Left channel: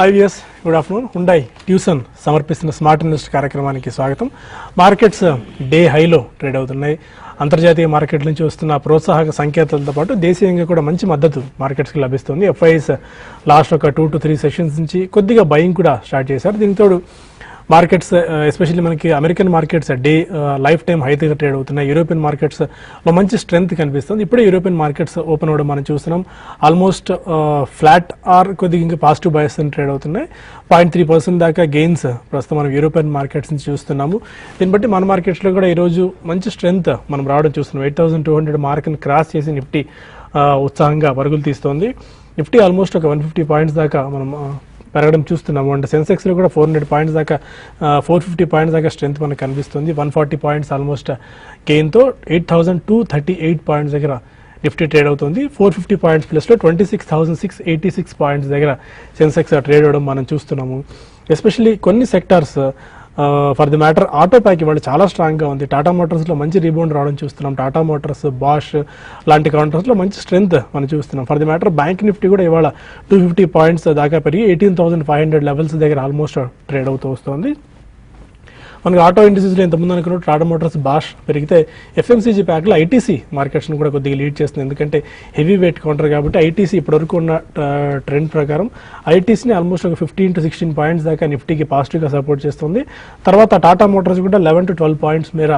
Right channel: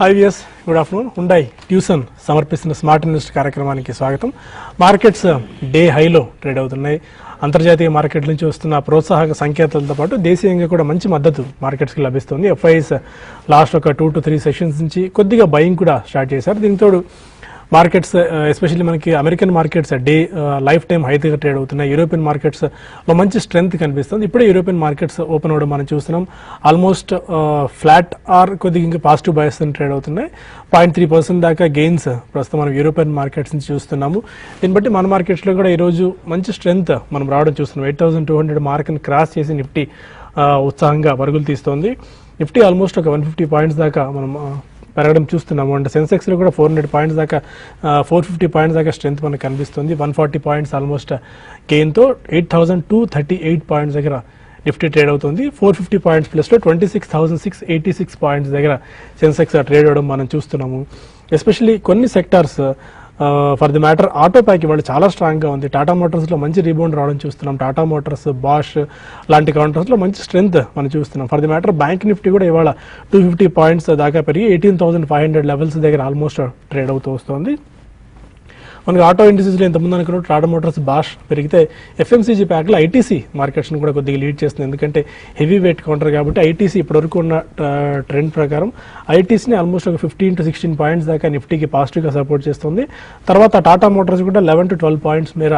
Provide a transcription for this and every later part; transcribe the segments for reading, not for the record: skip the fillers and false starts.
Hi viewers, good afternoon. Hyundai tuition సమర్పిస్తున్న smart invest కార్యక్రమానికి స్వాగతం. మార్కెట్స్ డే హైలో ట్రేడ్ అవుతున్నాయి. అంతర్జాతీయ మార్కెట్ నుంచి వస్తున్న ప్రోత్సాహక సంకేతాలతో పాటు దేశీయంగా కూడా మంచి మద్దతు మార్కెట్స్కి లభిస్తుంది. ఎఫ్ఐఎస్ లాస్ట్ ఒక 2 to 3 సెషన్స్ నుంచి కొద్దిగా బయింగ్ కూడా స్టార్ట్ చేశారు. దీంతో మార్కెట్స్ ఎస్పెషల్లీ మనకి American markets day life time high దగ్గర ట్రేడ్ అవుతున్నాయి. యూరోపియన్ మార్కెట్స్ లో మంచి స్ట్రెంగ్త్ కనిపిస్తుంది. ఇప్పుడే యూరోపియన్ మార్కెట్స్ ఓపెన్ అవ్వడం మనం చూస్తున్నాం. ఆల్మోస్ట్ ఫ్లాట్ ఆర్ కొద్దిగా ఇంకా పాజిటివ్ బయస్ ట్రేడ్ అవుతున్నాయి. 0.3% దాకా గెయిన్స్ ప్రస్తుతం మనం యూరోపియన్ మార్కెట్స్ నుంచి చూస్తున్నాము. దీన్ని బట్టి మన మార్కెట్స్ లో కూడా ఈ రోజు మంచి స్ట్రెంగ్త్ మనం రావడం చూస్తున్నాం. 8,200 మార్క్ ని క్రాస్ చేసి నిఫ్టీ ఉత్సాహంగా పరుగులు తీస్తోంది. నిఫ్టీ ఆల్మోస్ట్ ఒక 150 పాయింట్స్ దాకా మనం పెరగడం చూస్తున్నాము. అండ్ సెన్సెక్స్ లో కూడా 400 పాయింట్స్ దాకా 450 పాయింట్స్ దాకా స్ట్రెంత్ మనకు కనిపిస్తుంది. 140 పాయింట్స్ ఆల్మోస్ట్ గెయిన్ తో 8,238 పాయింట్స్ దగ్గర నిఫ్టీ ట్రేడ్ అవుతుంది. 450 పాయింట్స్ ప్లస్ లో 26,686 పాయింట్స్ దగ్గర సెన్సెక్స్ ట్రేడ్ అవడం మనం చూస్తున్నాము. ఎస్పెషల్లీ కొన్ని sectors for the matter auto pack ఇవాళ చాలా స్ట్రాంగ్ గా ఉంది. టాటా మోటార్స్ లో మంచి రీబౌండ్ రావడం చూస్తున్నాం. టాటా మోటార్స్, బాష్ లాంటి కౌంటర్స్ లో మంచి స్ట్రెంత్ మనం చూస్తున్నాం. For the matter bank Nifty కూడా ఇవాళ 250 పాయింట్స్ దాకా పెరిగి 18,500 లెవెల్స్ దగ్గర ఆల్మోస్ట్ ట్రేడ్ అవుతూ వస్తుంది. మనకి ఆటో ఇండస్ట్రీస్ లో ఇంతకుముందు అనుకున్న టాటా మోటార్స్, బాష్ పెరిగితే ఎఫ్ఎంసీజీ ప్యాక్ లో ఐటీసీ మార్కెట్స్ కూడా కొద్దిగా లీడ్ చేస్తుంది. ఎందుకంటే హెవీ వెయిట్ కౌంటర్ కాబట్టి ఐటీసీ ఇప్పటివరకు ఉన్న ట్రెండ్ ప్రకారం ఐటీసీని ఆల్మోస్ట్ ఒక 15 to 16 పాయింట్స్ దాకా నిఫ్టీకి పాజిటివ్ గా సపోర్ట్ చేస్తుంది. తర్వాత టాటా మోటార్స్ కూడా 11 to 12 పాయింట్స్ మేర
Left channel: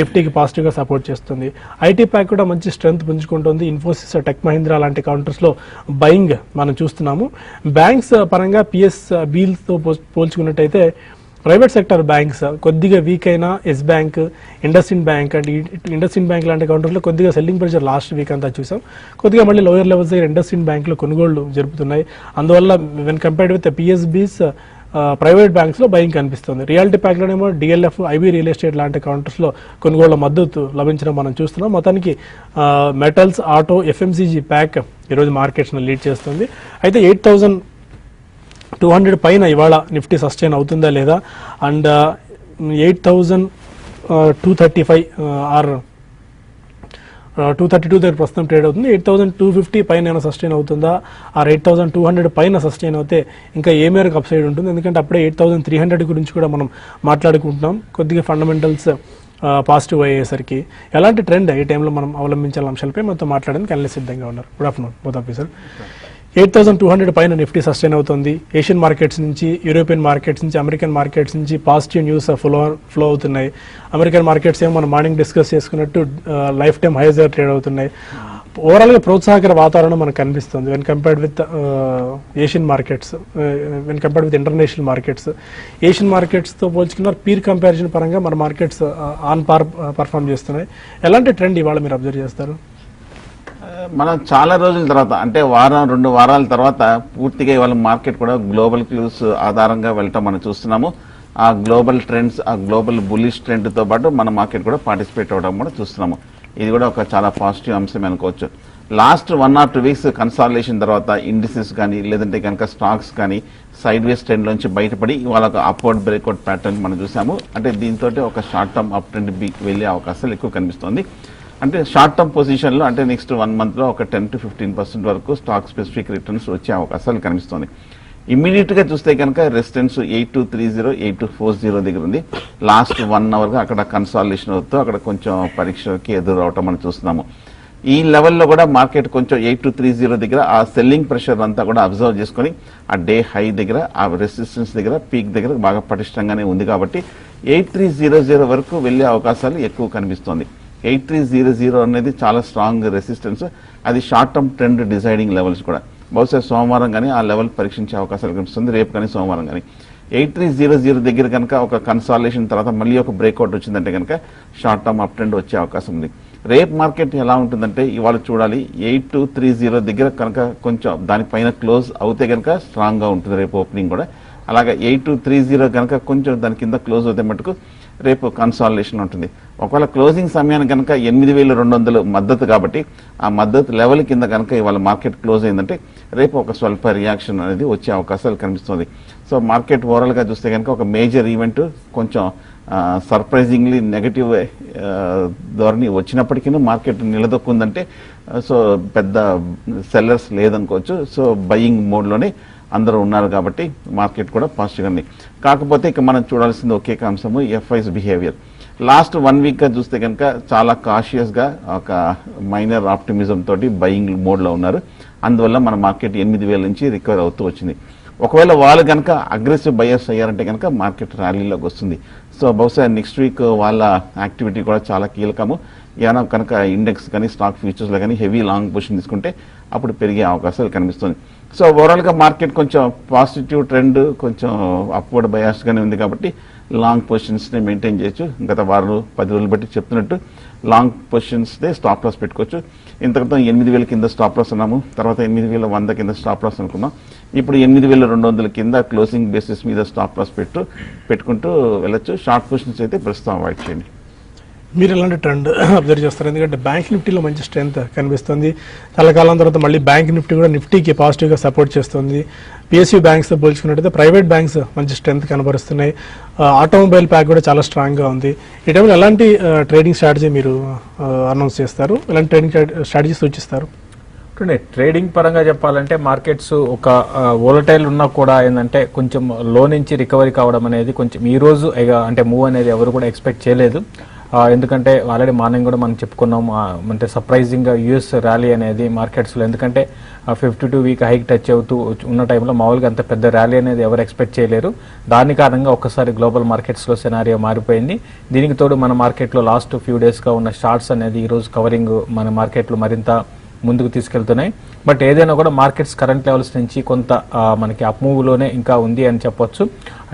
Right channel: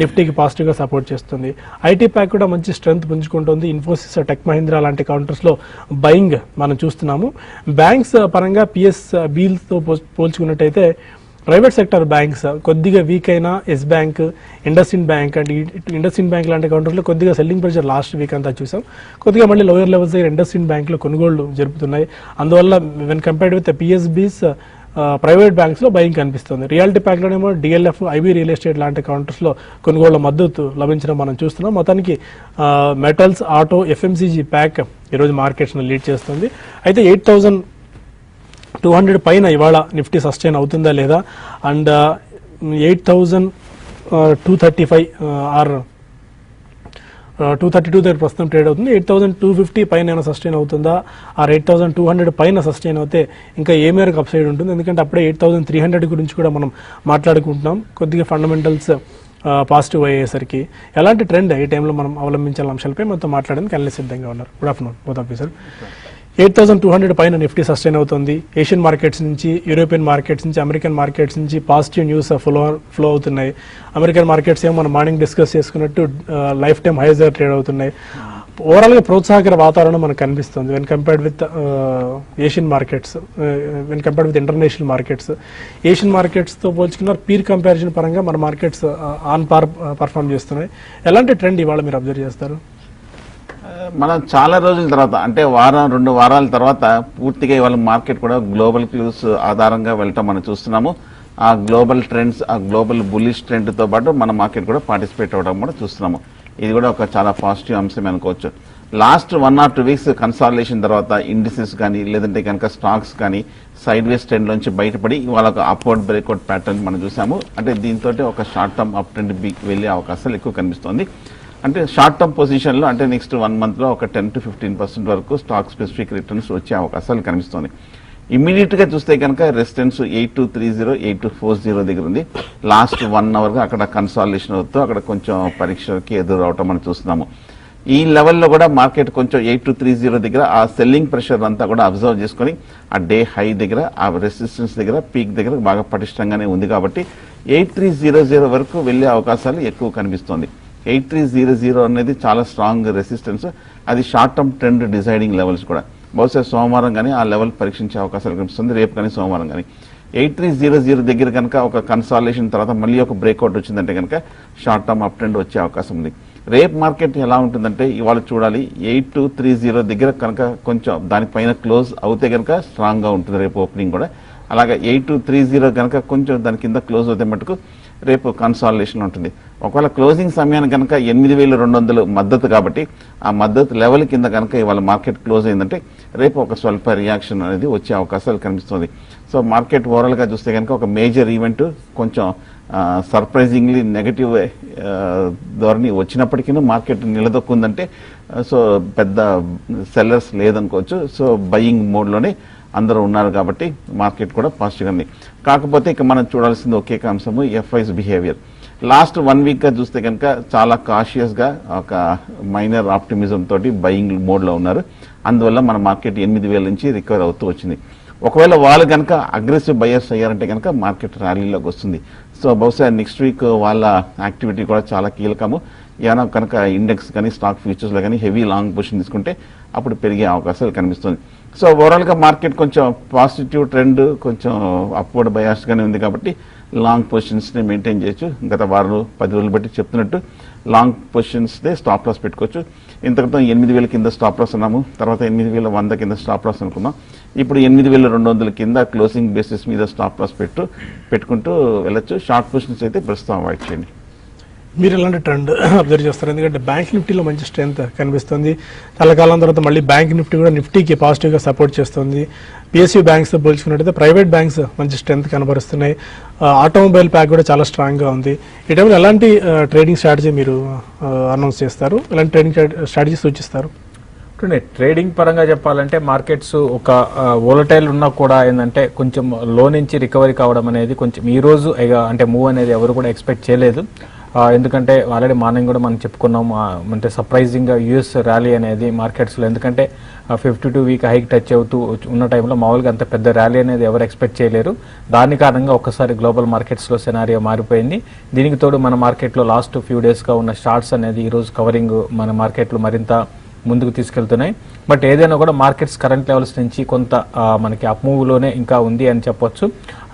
నిఫ్టీకి పాజిటివ్ గా సపోర్ట్ చేస్తుంది. ఐటీ ప్యాక్ కూడా మంచి స్ట్రెంత్ పుంజుకుంటుంది. ఇన్ఫోసిస్, టెక్ మహీంద్రా లాంటి కౌంటర్స్ లో బయింగ్ మనం చూస్తున్నాము. బ్యాంక్స్ పరంగా పిఎస్ బీల్ తో పోల్చుకున్నట్టయితే ప్రైవేట్ సెక్టర్ బ్యాంక్స్ కొద్దిగా వీక్ అయినా ఎస్ బ్యాంక్, ఇండస్ఇండ్ బ్యాంక్ అండ్ ఇండస్ఇండ్ బ్యాంక్ లాంటి కౌంటర్స్ లో కొద్దిగా సెల్లింగ్ ప్రెషర్ లాస్ట్ వీక్ అంతా చూసాం. కొద్దిగా మళ్ళీ లోయర్ లెవెల్స్ దగ్గర ఇండస్ఇండ్ బ్యాంక్ లో కొనుగోళ్లు జరుపుతున్నాయి. అందువల్ల when compared with PSBs private banks లో బయింగ్ కనిపిస్తుంది. రియాలిటీ ప్యాక్ లోనేమో డిఎల్ఎఫ్, ఐబీ రియల్ ఎస్టేట్ లాంటి కౌంటర్స్ లో కొనుగోళ్ల మద్దతు లభించడం మనం చూస్తున్నాం. మొత్తానికి మెటల్స్, ఆటో, ఎఫ్ఎంసీజీ ప్యాక్ ఈరోజు మార్కెట్స్ లీడ్ చేస్తుంది. అయితే 8,200 పైన ఇవాళ నిఫ్టీ సస్టైన్ అవుతుందా లేదా, అండ్ 8,235 ఆర్ 232 దగ్గర ప్రస్తుతం ట్రేడ్ అవుతుంది. 8,250 పైన సస్టైన్ అవుతుందా, ఆర్ 8,200 పైన సస్టైన్ అవుతే ఇంకా ఏ మేరకు అప్సైడ్ ఉంటుంది. ఎందుకంటే అప్పుడే 8,300 గురించి కూడా మనం మాట్లాడుకుంటున్నాం. కొద్దిగా ఫండమెంటల్స్ పాజిటివ్ అయ్యేసరికి ఎలాంటి ట్రెండ్ ఈ టైంలో మనం అవలంబించాల అంశాలపై మొత్తం మాట్లాడడానికి అనలిస్ట్ సిద్ధంగా ఉన్నారు. Good afternoon both officer. 8,200 పైన నిఫ్టీ సస్టైన్ అవుతుంది. ఏషియన్ మార్కెట్స్ నుంచి, యూరోపియన్ మార్కెట్స్ నుంచి, అమెరికన్ మార్కెట్స్ నుంచి పాజిటివ్ న్యూస్ ఫ్లో అవుతున్నాయి. అమెరికన్ మార్కెట్స్ ఏమో మనం మార్నింగ్ డిస్కస్ చేసుకున్నట్టు లైఫ్ టైం హైస్ దగ్గర ట్రేడ్ అవుతున్నాయి. ఓవరాల్ గా ప్రోత్సాహకర వాతావరణం మనకు కనిపిస్తుంది when compared with Asian markets, when compared with international markets. Asian markets తో పోల్చుకున్న పీర్ కంపారిజన్ పరంగా మన మార్కెట్స్ ఆన్ పార్ పర్ఫార్మ్ చేస్తున్నాయి. ఎలాంటి ట్రెండ్ ఇవాళ మీరు అబ్జర్వ్ చేస్తారు? మనం చాలా రోజుల తర్వాత, అంటే 2 వారాల తర్వాత పూర్తిగా ఇవాళ మార్కెట్ కూడా గ్లోబల్ క్యూస్ ఆధారంగా వెళ్ళటం మనం చూస్తున్నాము. ఆ గ్లోబల్ ట్రెండ్స్, ఆ గ్లోబల్ బుల్లిష్ ట్రెండ్ తో పాటు మన మార్కెట్ కూడా పార్టిసిపేట్ అవడం కూడా చూస్తున్నాము. ఇది కూడా ఒక చాలా పాజిటివ్ అంశం అనుకోవచ్చు. లాస్ట్ 1 or 2 వీక్స్ కన్సాలిడేషన్ తర్వాత ఇండిసెస్ కానీ లేదంటే కనుక స్టాక్స్ కానీ సైడ్ వేస్ ట్రెండ్ నుంచి బయటపడి ఇవాళ ఒక అప్వర్డ్ బ్రేక్అవుట్ ప్యాటర్న్ మనం చూసాము. అంటే దీంతో ఒక షార్ట్ టర్మ్ అప్ ట్రెండ్ వెళ్లే అవకాశాలు ఎక్కువ కనిపిస్తుంది. అంటే షార్ట్ టర్మ్ పొజిషన్ లో అంటే నెక్స్ట్ 1 month లో ఒక 10 to 15% వరకు స్టాక్ స్పెసిఫిక్ రిటర్న్స్ వచ్చే అవకాశాలు కనిపిస్తుంది. ఇమీడియట్ గా చూస్తే కనుక రెసిస్టెన్స్ 8230, 8240 దగ్గర ఉంది. లాస్ట్ 1 hour గా అక్కడ కన్సాలిడేషన్ అవుతూ అక్కడ కొంచెం పరీక్షకి ఎదురు రావటం మనం చూస్తున్నాము. ఈ లెవెల్లో కూడా మార్కెట్ కొంచెం 8230 దగ్గర ఆ సెల్లింగ్ ప్రెషర్ అంతా కూడా అబ్జర్వ్ చేసుకుని ఆ డే హై దగ్గర, ఆ రెసిస్టెన్స్ దగ్గర, పీక్ దగ్గర బాగా పటిష్టంగానే ఉంది. కాబట్టి 8300 వరకు వెళ్లే అవకాశాలు ఎక్కువ కనిపిస్తుంది. 8300 అనేది చాలా స్ట్రాంగ్ రెసిస్టెన్స్. అది short term trend deciding levels కూడా. బహుశా సోమవారం కానీ ఆ లెవెల్ పరీక్షించే అవకాశాలు కనిపిస్తుంది. రేపు కానీ సోమవారం కానీ 8300 దగ్గర కనుక ఒక కన్సాలిడేషన్ తర్వాత మళ్ళీ ఒక బ్రేక్అవుట్ వచ్చిందంటే కనుక షార్ట్ టర్మ్ అప్ ట్రెండ్ వచ్చే అవకాశం ఉంది. రేపు మార్కెట్ ఎలా ఉంటుందంటే ఇవాళ చూడాలి. 8230 దగ్గర కనుక కొంచెం దానిపైన క్లోజ్ అవుతే కనుక స్ట్రాంగ్ గా ఉంటుంది రేపు ఓపెనింగ్ కూడా. అలాగే 8230 కనుక కొంచెం దాని కింద క్లోజ్ అవుతే మటుకు రేపు కన్సాలిడేషన్ ఉంటుంది. ఒకవేళ క్లోజింగ్ సమయానికి కనుక 8,200 మద్దతు కాబట్టి ఆ మద్దతు లెవెల్ కింద కనుక ఇవాళ మార్కెట్ క్లోజ్ అయిందంటే రేపు ఒక స్వల్ప రియాక్షన్ అనేది వచ్చే అవకాశాలు కనిపిస్తుంది. సో మార్కెట్ ఓవరాల్ గా చూస్తే కనుక ఒక మేజర్ ఈవెంట్ కొంచెం సర్ప్రైజింగ్లీ నెగటివ్ ధోరణి వచ్చినప్పటికీ మార్కెట్ నిలదొక్కుందంటే సో పెద్ద సెల్లర్స్ లేదనుకోవచ్చు. సో బయింగ్ మోడ్ లోనే అందరూ ఉన్నారు కాబట్టి మార్కెట్ కూడా పాజిటివ్ ఉంది. కాకపోతే ఇక మనం చూడాల్సింది ఒకే అంశము ఎఫ్ఐస్ బిహేవియర్. లాస్ట్ 1 వీక్ గా చూస్తే కనుక చాలా కాషియస్ గా ఒక మైనర్ ఆప్టిమిజం తోటి బయింగ్ మోడ్ లో ఉన్నారు. అందువల్ల మన మార్కెట్ 8,000 నుంచి రికవర్ అవుతూ వచ్చింది. ఒకవేళ వాళ్ళు కనుక అగ్రెసివ్ బయర్స్ అయ్యారంటే కనుక మార్కెట్ ర్యాలీలోకి వస్తుంది. సో బహుశా నెక్స్ట్ వీక్ వాళ్ళ యాక్టివిటీ కూడా చాలా కీలకము. ఏమైనా కనుక ఇండెక్స్ కానీ స్టాక్ ఫ్యూచర్స్ లో కానీ హెవీ లాంగ్ పొజిషన్ తీసుకుంటే అప్పుడు పెరిగే అవకాశాలు కనిపిస్తుంది. సో ఓవరాల్ గా మార్కెట్ కొంచెం పాజిటివ్ ట్రెండ్, కొంచెం అప్వర్డ్ బయాస్ గానే ఉంది కాబట్టి లాంగ్ పొజిషన్స్ ని మెయింటైన్ చేయొచ్చు. గత 10 రోజులు బట్టి చెప్తున్నట్టు లాంగ్ పొజిషన్స్ స్టాప్ లాస్ పెట్టుకోవచ్చు. ఇంతకుముందు 8,000 కింద స్టాప్ లాస్ అన్నాము, తర్వాత 8,100 కింద స్టాప్ లాస్ అనుకున్నాం. ఇప్పుడు 8,200 కింద క్లోజింగ్ బేసిస్ మీద స్టాప్ లాస్ పెట్టుకుంటూ వెళ్ళొచ్చు. షార్ట్ పొజిషన్స్ అయితే ప్రస్తుతం అవాయిడ్ చేయండి. మీరు ఎలాంటి ట్రెండ్ అబ్జర్వ్ చేస్తారు? ఎందుకంటే బ్యాంక్ నిఫ్టీలో మంచి స్ట్రెంత్ కనిపిస్తుంది. చాలా కాలం తర్వాత మళ్ళీ బ్యాంక్ నిఫ్టీ కూడా నిఫ్టీకి పాజిటివ్ గా సపోర్ట్ చేస్తుంది. పిఎస్యూ బ్యాంక్స్ పోల్చుకున్నట్టయితే ప్రైవేట్ బ్యాంక్స్ మంచి స్ట్రెంత్ కనబరుస్తున్నాయి. ఆటోమొబైల్ ప్యాక్ కూడా చాలా స్ట్రాంగ్ గా ఉంది. ఈ టైంలో ఎలాంటి ట్రేడింగ్ స్ట్రాటజీ మీరు అనౌన్స్ చేస్తారు? ఎలాంటి ట్రేడింగ్ స్ట్రాటజీ సూచిస్తారు? ట్రేడింగ్ పరంగా చెప్పాలంటే మార్కెట్స్ ఒక వోలటైల్ ఉన్నా కూడా ఏంటంటే కొంచెం లో నుంచి రికవరీ కావడం అనేది కొంచెం ఈ రోజు అంటే మూవ్ అనేది ఎవరు కూడా ఎక్స్పెక్ట్ చేయలేదు. ఎందుకంటే ఆల్రెడీ మార్నింగ్ కూడా మనం చెప్పుకున్నాం, అంటే సర్ప్రైజింగ్ గా యూఎస్ ర్యాలీ అనేది మార్కెట్స్ లో, ఎందుకంటే 52 వీక్ హైక్ టచ్ అవుతూ ఉన్న టైంలో మామూలుగా అంత పెద్ద ర్యాలీ అనేది ఎవరు ఎక్స్పెక్ట్ చేయలేరు. దాని కారణంగా ఒక్కసారి గ్లోబల్ మార్కెట్స్ లో సెనారియో మారిపోయింది. దీనికి తోడు మన మార్కెట్ లో లాస్ట్ ఫ్యూ డేస్ గా ఉన్న షార్ట్స్ అనేది ఈ రోజు కవరింగ్ మన మార్కెట్ లో మరింత ముందుకు తీసుకెళ్తున్నాయి. బట్ ఏదైనా కూడా మార్కెట్స్ కరెంట్ లెవెల్స్ నుంచి కొంత మనకి అప్ మూవ్ లోనే ఇంకా ఉంది అని చెప్పొచ్చు.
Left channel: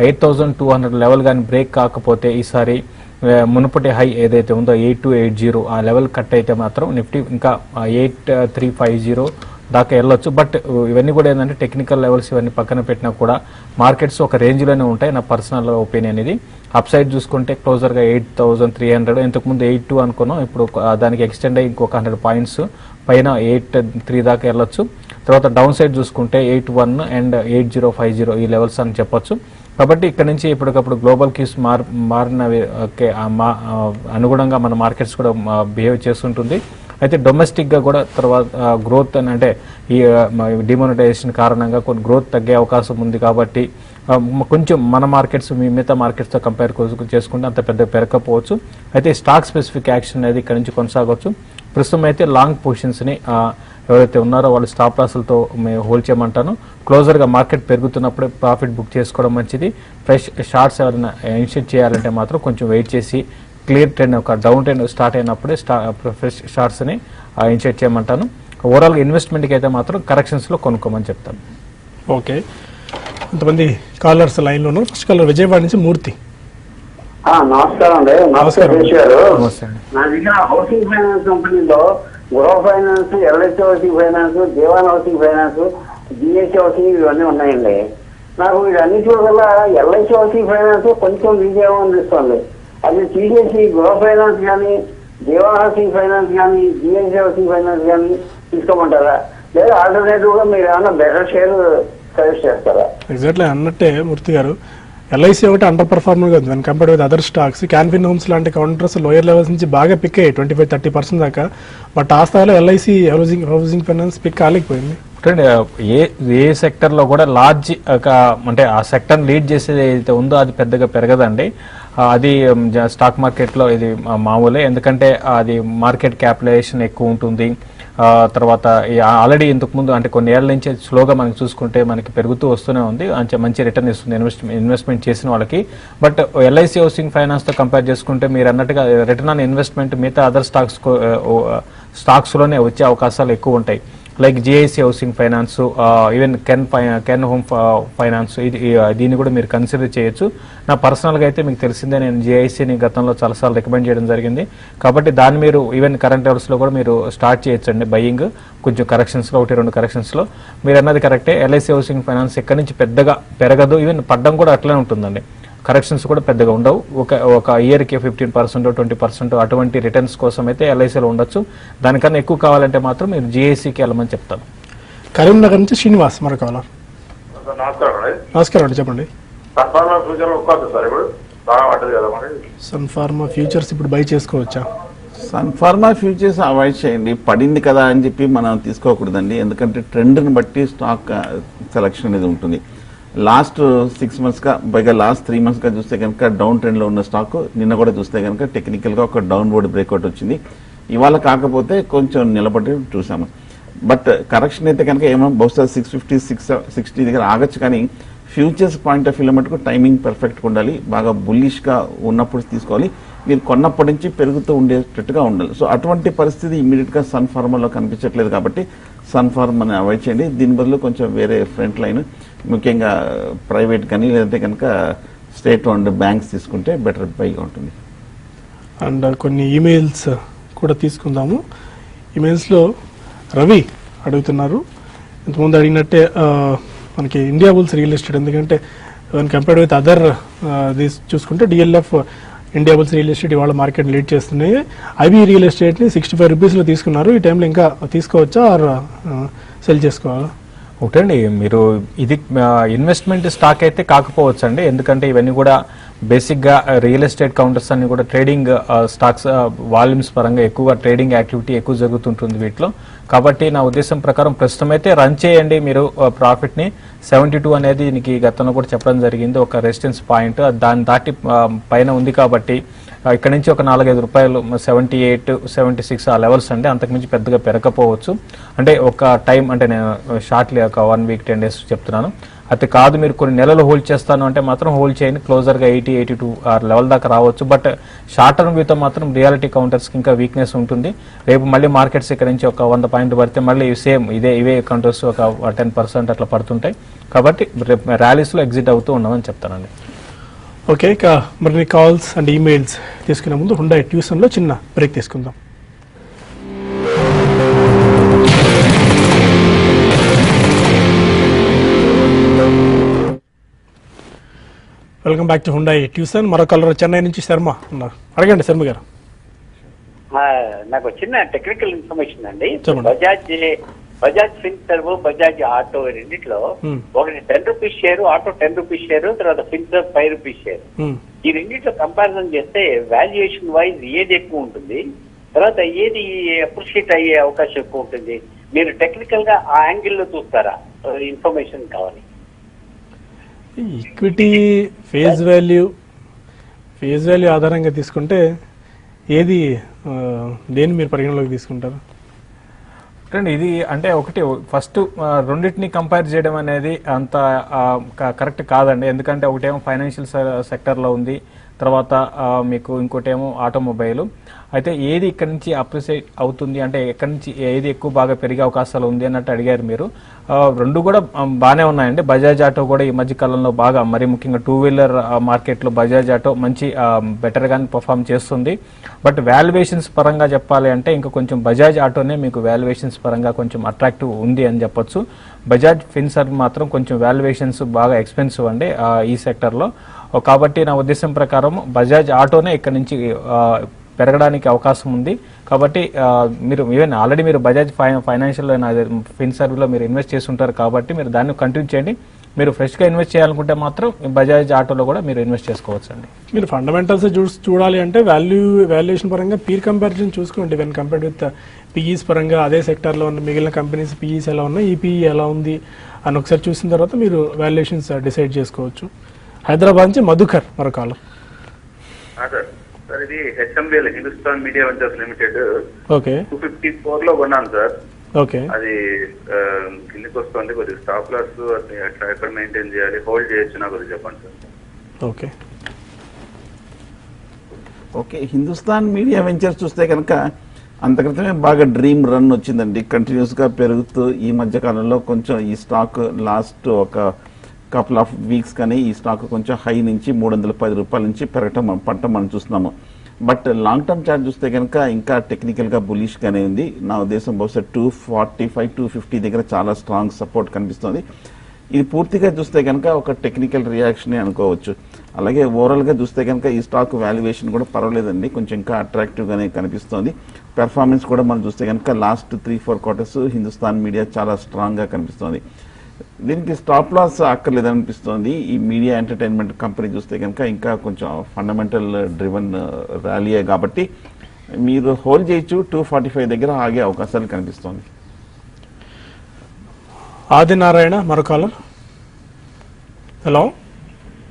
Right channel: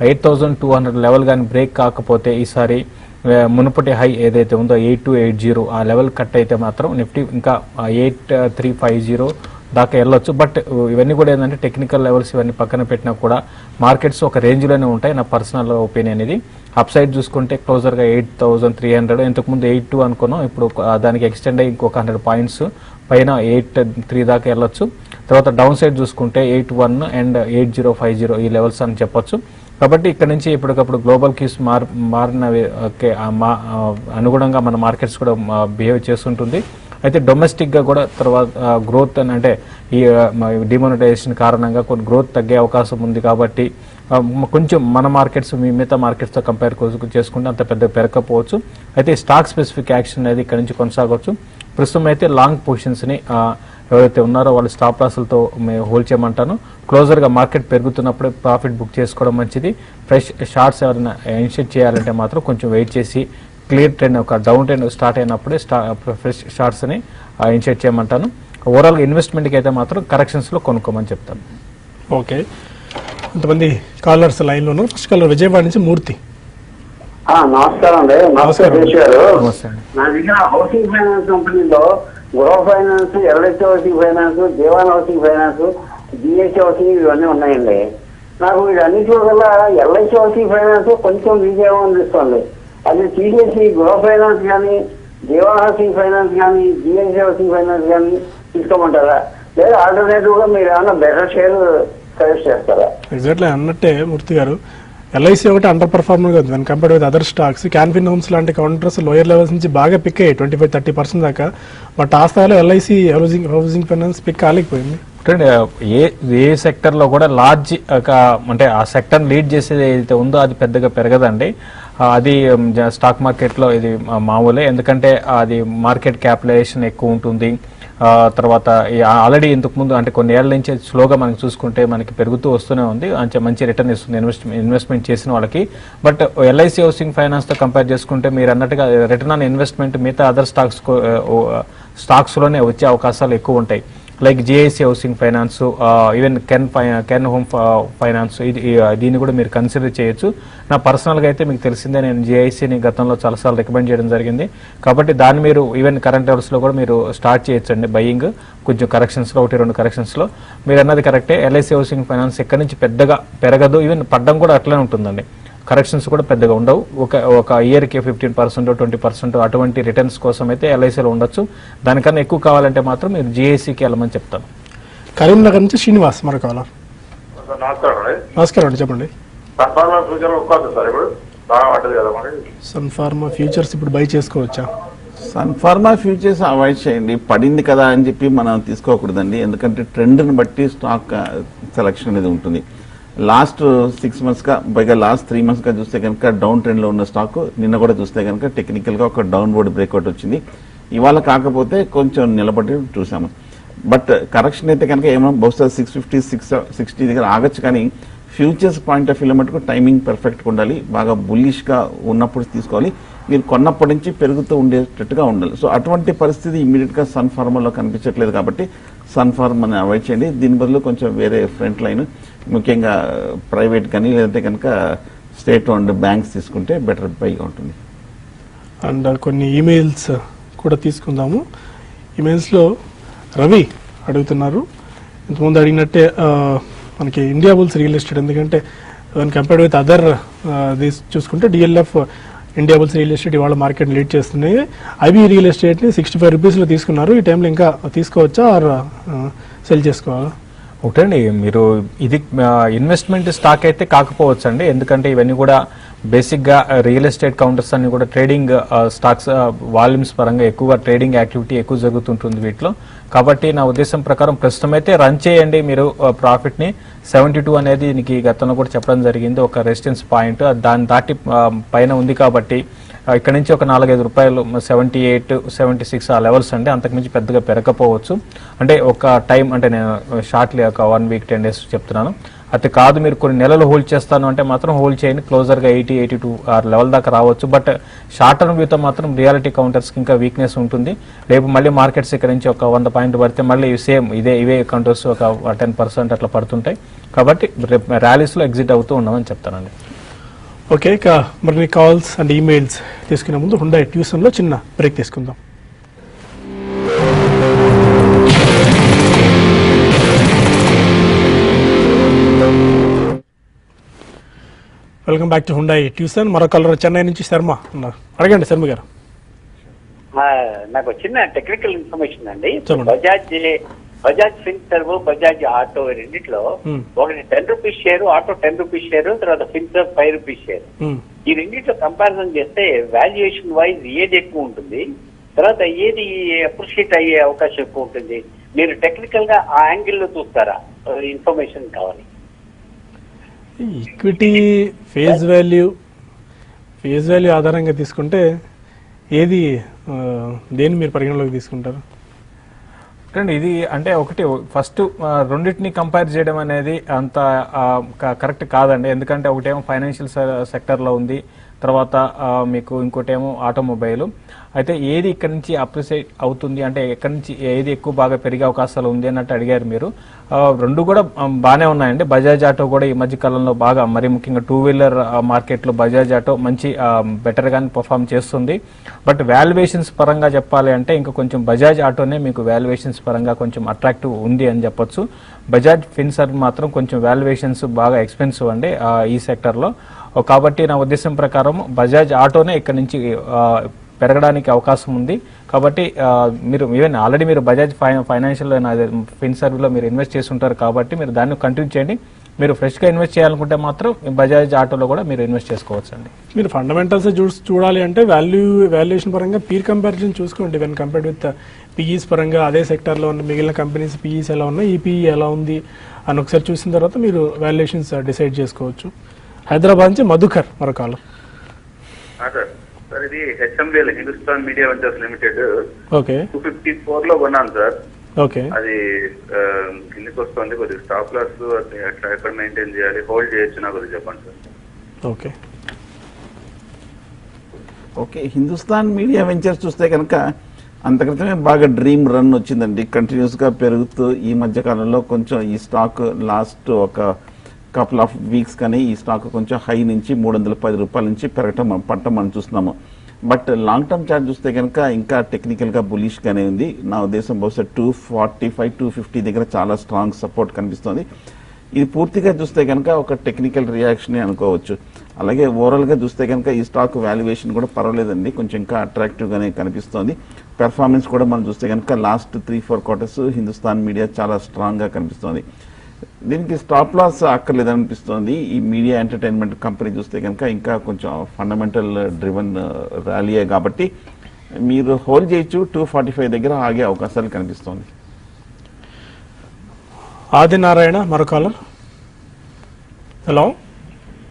8,200 లెవెల్ కానీ బ్రేక్ కాకపోతే ఈసారి మునుపటి హై ఏదైతే ఉందో 8,280 ఆ లెవెల్ కట్ అయితే మాత్రం నిఫ్టీ ఇంకా 8,350 దాకా వెళ్ళొచ్చు. బట్ ఇవన్నీ కూడా ఏంటంటే టెక్నికల్ లెవెల్స్ ఇవన్నీ పక్కన పెట్టినా కూడా మార్కెట్స్ ఒక రేంజ్ లోనే ఉంటాయి నా పర్సనల్ ఒపీనియన్ ఇది. అప్ సైడ్ చూసుకుంటే క్లోజర్ గా 8,300, ఇంతకు ముందు 8,2 అనుకున్నాం, ఇప్పుడు దానికి ఎక్స్టెండ్ అయ్యి ఇంకొక 100 పాయింట్స్ పైన 8,3 దాకా వెళ్ళొచ్చు. తర్వాత డౌన్ సైడ్ చూసుకుంటే 8,1 అండ్ 8,050 ఈ లెవెల్స్ అని చెప్పొచ్చు. కాబట్టి ఇక్కడ నుంచి ఇప్పటికప్పుడు గ్లోబల్ క్యూస్ మారిన అనుగుణంగా మన మార్కెట్స్ కూడా బిహేవ్ చేస్తుంటుంది. అయితే డొమెస్టిక్ గా కూడా తర్వాత గ్రోత్ అని అంటే ఈ డిమానిటైజేషన్ కారణంగా కొన్ని గ్రోత్ తగ్గే అవకాశం ఉంది. కాబట్టి కొంచెం మన మార్కెట్స్ మిగతా మార్కెట్స్ తో కంపేర్ చేసుకుంటే అంత పెద్ద పెరగకపోవచ్చు. అయితే స్టాక్ స్పెసిఫిక్ యాక్షన్ అనేది ఇక్కడ నుంచి కొనసాగవచ్చు. ప్రస్తుతం అయితే లాంగ్ పొజిషన్స్ ని ఎవరైతే ఉన్నారో వాళ్ళు స్టాప్ లాస్లతో హోల్డ్ చేయమంటాను. క్లోజర్ గా మార్కెట్ పెరుగుతున్నప్పుడు ప్రాఫిట్ బుక్ చేసుకోవడం మంచిది. ఫ్రెష్ షార్ట్స్ ఎవరైనా ఇనిషియేట్ చేయాలంటే మాత్రం కొంచెం వెయిట్ చేసి క్లియర్ ట్రెండ్ ఒక డౌన్ ట్రెండ్ స్టార్ట్ అయినప్పుడే ఫ్రెష్ షార్ట్స్ ని ఇనిషియేట్ చేయమంటాను. ఓవరాల్ ఇన్వెస్ట్మెంట్ కి అయితే మాత్రం కరెక్షన్స్ లో కొనుక్కోమని చెప్తాను. ఓకే, కొంతమంది కాలర్స్ లైన్ లోను. ఫస్ట్ కాలర్ విజయవాడ నుంచి మూర్తి. నమస్కారం అండి. నమస్కారం నా దగ్గర హౌసింగ్ ఫైనాన్స్ కంపెనీలో Gruh finance, LIC housing finance, Dewan housing finance, BSC housing ఇవన్నీ ఉన్నాయండి. నాకు ఇవన్నిటి వల్ల ఎల్ఐసి హౌసింగ్ ఫైనాన్స్ కొంచెం విజయం అనిపిస్తుంది. అది టీడీఎస్సీ గృహ ఫైనాన్స్ కానీ, దేవాన్ హౌసింగ్ ఫైనాన్స్ కానీ, బిఎస్సి హౌసింగ్ ఫైనాన్స్ కానీ తీసుకోమంటారా? లేదా ఆల్టర్నేటివ్ గా మీరు ఏమైనా బెటర్ షేర్ సజెస్ట్ చేస్తారా? ఎగ్జాక్ట్లీ అన్నట్టే మూర్తి గారు, ఎల్ఐసి ఒకటి అండర్ పర్ఫార్మర్ కదా దాని compare with other stocks. Can Fin homes లాంటి కౌంటర్స్ లోయర్ లెవెల్స్ నుంచి బాగా పిక్ అయ్యాయి 25-30% దాకా. బట్ ఆ స్థాయిలో ఎల్ఐసి హౌసింగ్ ఫైనాన్స్ పిక్ కాలేకపోయింది. ఏ సెక్టర్ లో కూడా లార్జ్ అంటే ఆ సెక్టర్ లీడ్ చేసేది ఏదైతే ఉందో అది పెద్దగా పెరగదండి. అది స్టాక్ మార్కెట్ లో ఇది మామూలే, ఎందుకంటే అది మార్కెట్ క్యాపిటలైజేషన్ ఎక్కువ ఉంటుంది. తర్వాత ఆల్రెడీ ఇంతకు ముందు అంటే కొన్ని ఏళ్ల నుంచి స్లోగా మనం చూసుకుంటే మనకి పెరుగుతూ వస్తూనే ఉంది, మంచి రిటర్న్ ఇస్తుంది ఇన్వెస్ట్మెంట్ చేసిన వాళ్ళకి. బట్ ఎల్ఐసి హౌసింగ్ ఫైనాన్స్ తో కంపేర్ చేసుకుంటే మీరు అన్నట్టుగా రిటర్న్ ఆన్ ఇన్వెస్ట్మెంట్ మిగతా అదర్ స్టాక్స్ లోనే వచ్చే అవకాశాలు ఎక్కువ ఉంటాయి. Like GIC housing finance, even Can Home Finance, దీన్ని కూడా మీరు కన్సిడర్ చేయొచ్చు. నా పర్సనల్ గా అయితే మీకు తెలిసిందే, నేను జేఐసిని గతంలో చాలాసార్లు రికమెండ్ చేయడం జరిగింది. కాబట్టి దాన్ని మీరు ఈవెన్ కరెంట్ అవర్స్ లో కూడా మీరు స్టార్ట్ చేయొచ్చండి బయింగ్. కొంచెం కరెక్షన్స్ లో 1-2 కరెక్షన్స్ లో మీరు అన్నది కరెక్టే. ఎల్ఐసి హౌసింగ్ ఫైనాన్స్ ఎక్కడి నుంచి పెద్దగా పెరగదు, ఈవెన్ పడ్డం కూడా అట్లనే ఉంటుందండి. కరెక్షన్స్ కూడా పెద్దగా ఉండవు. ఒక ఇయర్ కి 15%, 20% అటువంటి రిటర్న్స్ కోసం అయితే ఎల్ఐసీలో ఉండొచ్చు. దానికన్నా ఎక్కువ కావాలంటే మాత్రం మీరు జిఐసికి వెళ్ళమని చెప్తాను. కరీంనగర్ నుంచి శ్రీనివాస్ మరి కావాలా? నమస్కారం, చెప్పండి. సన్ ఫార్మా ఫ్యూచర్స్ ఇప్పుడు బై చేసుకోవచ్చా? సన్ఫార్మా ఫ్యూచర్స్ అవాయిడ్ చేయండి. పడింది కదా అని చెప్పి మనం తీసుకోకూడదండి, ఎందుకంటే ట్రెండ్ని బట్టి స్టాక్ సెలక్షన్ అనేది ఉంటుంది. లాస్ట్ 6 months గా పైగా లాస్ట్ 3 months గా చూస్తే కనుక డౌన్ ట్రెండ్ లో ఉన్న స్టాక్ నిన్న కూడా చూస్తే కనుక టెక్నికల్ గా ఒక డౌన్వర్డ్ బ్రేక్అవుట్ వచ్చింది. ఇవాళ కాకపోతే కొంచెం నిలబడి చూసాము. బట్ కరెక్షన్ అయితే కనుక ఏమో బహుశా 650 660 దగ్గర ఆగచ్చు, కానీ ఫ్యూచర్స్ పాయింట్ ఆఫ్ వ్యూ మటుకు టైమింగ్ పర్ఫెక్ట్గా ఉండాలి. బాగా బుల్లిష్ గా ఉన్నప్పుడు తీసుకోవాలి. మీరు కొన్నప్పటి నుంచి పెరుగుతూ ఉండేటట్టుగా ఉండాలి. సో అటువంటి పరిస్థితి ఇమీడియట్ గా సన్ ఫార్మాలో కనిపించట్లేదు కాబట్టి సన్ ఫార్మాని అవాయిడ్ చేయండి. దీని బదులు కొంచెం వేరే ఫ్రంట్ లైన్, ముఖ్యంగా ప్రైవేట్ కానీ లేదంటే కనుక స్టేట్ ఓన్డ్ బ్యాంక్స్ తీసుకుంటే బెటర్ పైగా ఉంటుంది. అండ్ కొన్ని ఈమెయిల్స్ కూడా తీసుకుందాము. ఈమెయిల్స్లో రవి అడుగుతున్నారు, ఇంతకుముందు అడిగినట్టే మనకి ఇండియా బుల్స్ రియల్ ఎస్టేట్, ఎందుకంటే కంపేర్డ్ విత్ అదర్ చూసుకుంటే DLF India bulls real estate ఇవాళ మార్కెట్ లీడ్ చేస్తున్నాయి. ఐబీ రియల్ ఎస్టేట్ని 65 రూపీస్లో తీసుకున్నారు. ఈ టైంలో ఇంకా తీసుకోవచ్చా సెల్ చేసుకోవాలా? ఒకటండి, మీరు ఇది ఇన్వెస్ట్మెంట్ స్టాక్ అయితే కాకపోవచ్చు అండి, ఎందుకంటే ఇవన్నీ కూడా బేసిక్ గా రియల్ ఎస్టేట్ కౌంటర్స్ అన్ని కూడా ట్రేడింగ్ స్టాక్స్, వాల్యూమ్స్ పరంగా ఎక్కువ ట్రేడింగ్ యాక్టివిటీ ఎక్కువ జరుగుతుంటుంది వీటిలో. కాబట్టి నా ఉద్దేశం ప్రకారం ప్రస్తుతం అయితే రన్ చేయండి మీరు ప్రాఫిట్ ని. 72 అనేది దీనికి గతంలో కూడా చెప్పడం జరిగింది, ఒక రెసిస్టెన్స్ పాయింట్. దాన్ని దాటి పైన ఉంది కాబట్టి ఇక్కడ నుంచి ఒక 4-5 రూపాయలు 78, 76 ఆ లెవెల్స్ అండి, అంతకు నుంచి పెద్దగా పెరగకపోవచ్చు. అంటే ఒక టైం, అంటే నేను షార్ట్లీ ఒక 1 week 10 days చెప్తున్నాను. అయితే కాదు మీరు కొన్ని నెలలు హోల్డ్ చేస్తాను అంటే మాత్రం హోల్డ్ చేయండి, క్లోజర్ గా 80, 82 ఆ లెవెల్ దాకా రావచ్చు. బట్ షార్ట్ టర్మ్ వ్యూతో మాత్రం రియాలిటీ కౌంటర్స్ ఇంకా వీక్నెస్ ఉంటుంది. రేపు మళ్ళీ మార్కెట్స్ ఇక్కడ నుంచి ఒక 100 పాయింట్లు పడితే మళ్ళీ సేమ్ ఇవే కౌంటర్స్ ఒక 10% అట్లా పడుతుంటాయి. కాబట్టి ర్యాలీస్ లో ఎగ్జిట్ అవుతూ ఉన్నామని చెప్తానండి. ఓకే, ఇక మరి కాల్స్ అండ్ ఈమెయిల్స్ తీసుకునే ముందు హుండాయ్ ట్యూషన్లో చిన్న బ్రేక్ తీసుకుందాం. Welcome back to Hyundai tuition. మరో కాలర్ చెన్నై నుంచి శర్మ ఉన్నారు. అడగండి శర్మ గారు. నాకు చిన్న టెక్నికల్ ఇన్ఫర్మేషన్ అండి. చెప్పండి. బజాజ్ ఫిన్సర్వ్, బజాజ్ ఆటో రెండిట్లో ఒకటి 10 rupees share, auto 10 rupees share, తర్వాత ఫిన్సర్వ్ 5 రూపీస్ షేర్. ఈ రెండిట్లో కంపారిజన్ చేస్తే వాల్యుయేషన్ వైజ్ ఏది ఎక్కువ ఉంటుంది, తర్వాత ఏది అప్రిషియేట్ అయ్యే అవకాశం ఎక్కువ ఉంటుంది? మీరు టెక్నికల్ గా ఆ యాంగిల్ లో చూస్తారా? ఇన్ఫర్మేషన్ కావాలి. ఈక్విటీ ఫేస్ వాల్యూ ఆధారంగా తీసుకుంటే ఏది దేని మీరు పరిగణలోకి తీసుకుంటారు? ఇది అంటే ఒకటి ఫస్ట్ రెండింటిని కంపేర్ చేయడం అనేది అంత కరెక్ట్ కాదండి, ఎందుకంటే ఒకటేమో ఫైనాన్షియల్ సెక్టర్ లో ఉంది, తర్వాత మీకు ఇంకోటేమో ఆటోమొబైల్. అయితే ఏది ఇక్కడ నుంచి అప్రిషియేట్ అవుతుంది, అంటే ఎక్కడి నుంచి ఏది ఎక్కువ బాగా పెరిగే అవకాశాలు ఉంది అన్నట్టు అడిగారు మీరు. రెండు కూడా బాగానే ఉన్నాయండి. బజాజ్ ఆటో కూడా ఈ మధ్య కాలంలో బాగా, మరి ముఖ్యంగా 2-wheeler మార్కెట్ లో బజాజ్ ఆటో మంచి బెటర్ గానే పర్ఫామ్ చేస్తుంది. బట్ వాల్యుయేషన్స్ పరంగా చెప్పాలి అంటే ఇంకా కొంచెం బజాజ్ ఆటోనే మీకు వాల్యుయేషన్స్ పరంగా కొంచెం అట్రాక్టివ్ ఉంది అని చెప్పొచ్చు. బజాజ్ ఫిన్సర్వ్ మాత్రం కొంచెం వాల్యుయేషన్స్ బాగా ఎక్స్పెన్సివ్ అండి ఈ సెక్టర్ లో. కాబట్టి నా ఉద్దేశం ప్రకారం బజాజ్ ఆటోనే ఇక్కడ నుంచి పెరగడానికి అవకాశం ఉంది. కాబట్టి మీరు ఈవెన్ ఆల్రెడీ మీరు బజాజ్ ఫైనాన్షియల్ ఫిన్సర్వ్ లో మీరు ఇన్వెస్ట్ చేస్తుంటారు కాబట్టి మీరు దాన్ని కంటిన్యూ చేయండి. మీరు ఫ్రెష్ గా ఇన్వెస్ట్ చేయాలనుకుంటే మాత్రం బజాజ్ ఆటోలో కూడా మీరు ఇన్వెస్ట్ చేసుకోవచ్చు అండి. మీరు ఫండమెంటల్స్ చూడాలి అంటే వాల్యుయేషన్ పరంగా పీర్ కంపారిజన్ చూసుకోండి. వెన్ కంపేర్డ్ విత్ పీఈస్ పరంగా అదే సెక్టర్ లో ఉన్న మిగిలిన కంపెనీస్ పీఈస్ ఎలా ఉన్నాయి, ఈ పీఈ ఎలా ఉంది అని ఒకసారి చూసిన తర్వాత మీరు వాల్యుయేషన్స్ డిసైడ్ చేసుకోవచ్చు. హైదరాబాద్ నుంచి మధుకర్ మరొకరు. ఇది HMDL Hindustan media ventures limited. Okay, 254 లో కొన్నాను సార్. ఓకే, అది కిందకి వస్తుంది, కొద్దిగా స్టాప్ లాస్ ఎక్కడ మెయింటైన్ చేయాలి, హోల్డ్ చేయొచ్చు నాకు చెప్పండి sir. Okay, okay. Hindustan media ventures చూస్తే కనుక అంతక్రితమే బాగా డ్రీమ్ రన్ వచ్చిందండి, కంటిన్యూస్ గా పెరుగుతూ. ఈ మధ్య కాలంలో కొంచెం ఈ స్టాక్ లాస్ట్ ఒక కపుల్ ఆఫ్ వీక్స్ కానీ ఈ స్టాక్ కొంచెం హై నుంచి 310 రూపాయల నుంచి పెరగటం మనం చూస్తున్నాము. బట్ లాంగ్ టర్మ్ చార్ట్ చూస్తే కనుక ఇంకా టెక్నికల్ గా బులిష్ గానే ఉంది. నా ఉద్దేశం బహుశా 245, 250 దగ్గర చాలా స్ట్రాంగ్ సపోర్ట్ కనిపిస్తుంది. ఇది పూర్తిగా చూస్తే కనుక ఒక టెక్నికల్ రియాక్షన్ అనుకోవచ్చు. అలాగే ఓవరాల్ గా చూస్తే కనుక ఈ స్టాక్ వాల్యుయేషన్ కూడా పర్వాలేదండి, కొంచెం ఇంకా అట్రాక్టివ్ గానే కనిపిస్తుంది. పెర్ఫార్మెన్స్ కూడా మనం చూస్తే కనుక లాస్ట్ 3-4 quarters హిందుస్థాన్ మీడియా చాలా స్ట్రాంగ్ గా కనిపిస్తుంది. దీనికి స్టాప్ లాస్ అక్కర్లేదనిపిస్తుంది. ఈ మీడియా ఎంటర్టైన్మెంట్ కంపెనీ చూస్తే కనుక ఇంకా కొంచెం ఫండమెంటల్ డ్రివన్ ర్యాలీయే కాబట్టి మీరు హోల్డ్ చేయొచ్చు. 245 దగ్గర ఆగే అవకాశాలు కనిపిస్తుంది. ఆదినారాయణ మరో కాలర్. హలో